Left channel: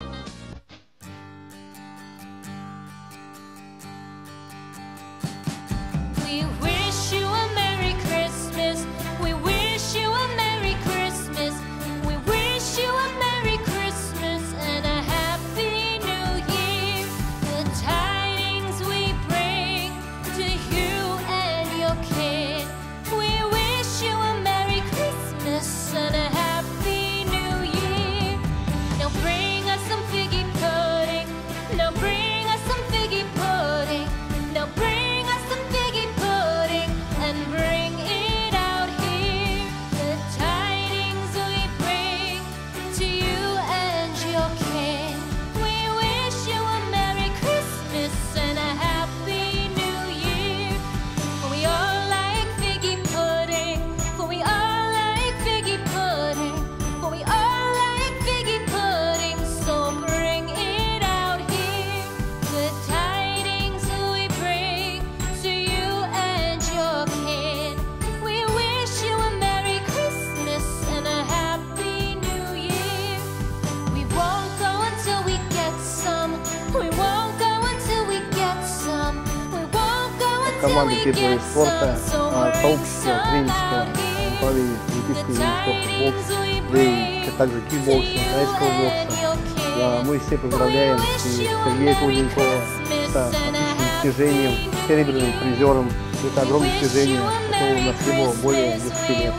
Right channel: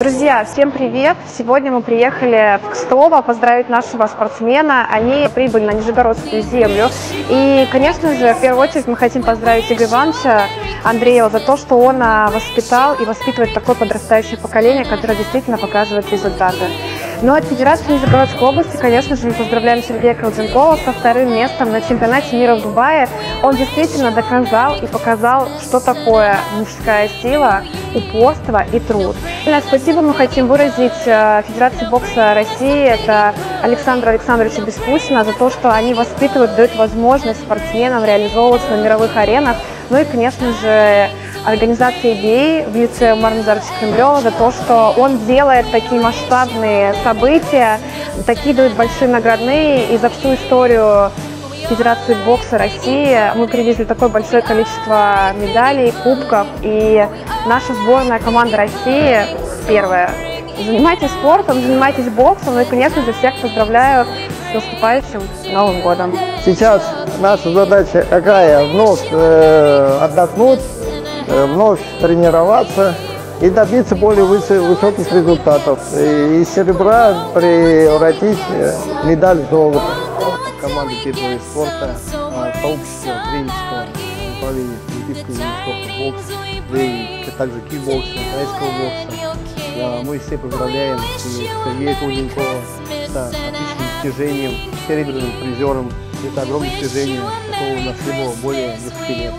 Друзья, всем привет! Сегодня мы приехали в Кстово поздравить нашего спортсмена. Они прибыли на Нижегородскую землю. И, конечно же, в первую очередь мы хотим поздравить Игоря Ивановича Андреева за то, что он воспитал и воспитывает такое подрастающее поколение, которое действительно показывает результаты. Ну а от Федерации Нижегородской области, конечно же, мы поздравляем Сергея Колденкова со вторым местом на чемпионате мира в Дубае. Он действительно доказал и показал, что такое мужская сила, упорство и труд. Спасибо мы хотим выразить Федерации бокса России, это Александру Александровичу Бескусина, за то, что они воспитывают, дают возможность спортсменам реализовываться на мировых аренах. Ну и, конечно же, организация «Гей» в лице Марназара Кремлева за то, что он делает такие масштабные события, такие дают большие наградные. И за всю историю Федерации бокса России мы привезли такое большое количество медалей, кубков. И наша сборная команда России первая. Занимайтесь спортом, занимайтесь боксом. Ну и, конечно же, всех поздравляю с наступающим Новым годом. Сейчас наша задача какая? Вновь отдохнуть, вновь тренироваться и добиться более высоких результатов. И из серебра превратить медаль золота команды первого вида спорта, сообщества тренерского направления олимпийского вида спорта бокс, да и также кикбокса, тайского бокса. Мы все поздравляем Сергея Колденкова с отличным достижением, серебряным призером. Это огромное достижение, которого у нас не было более 10 лет.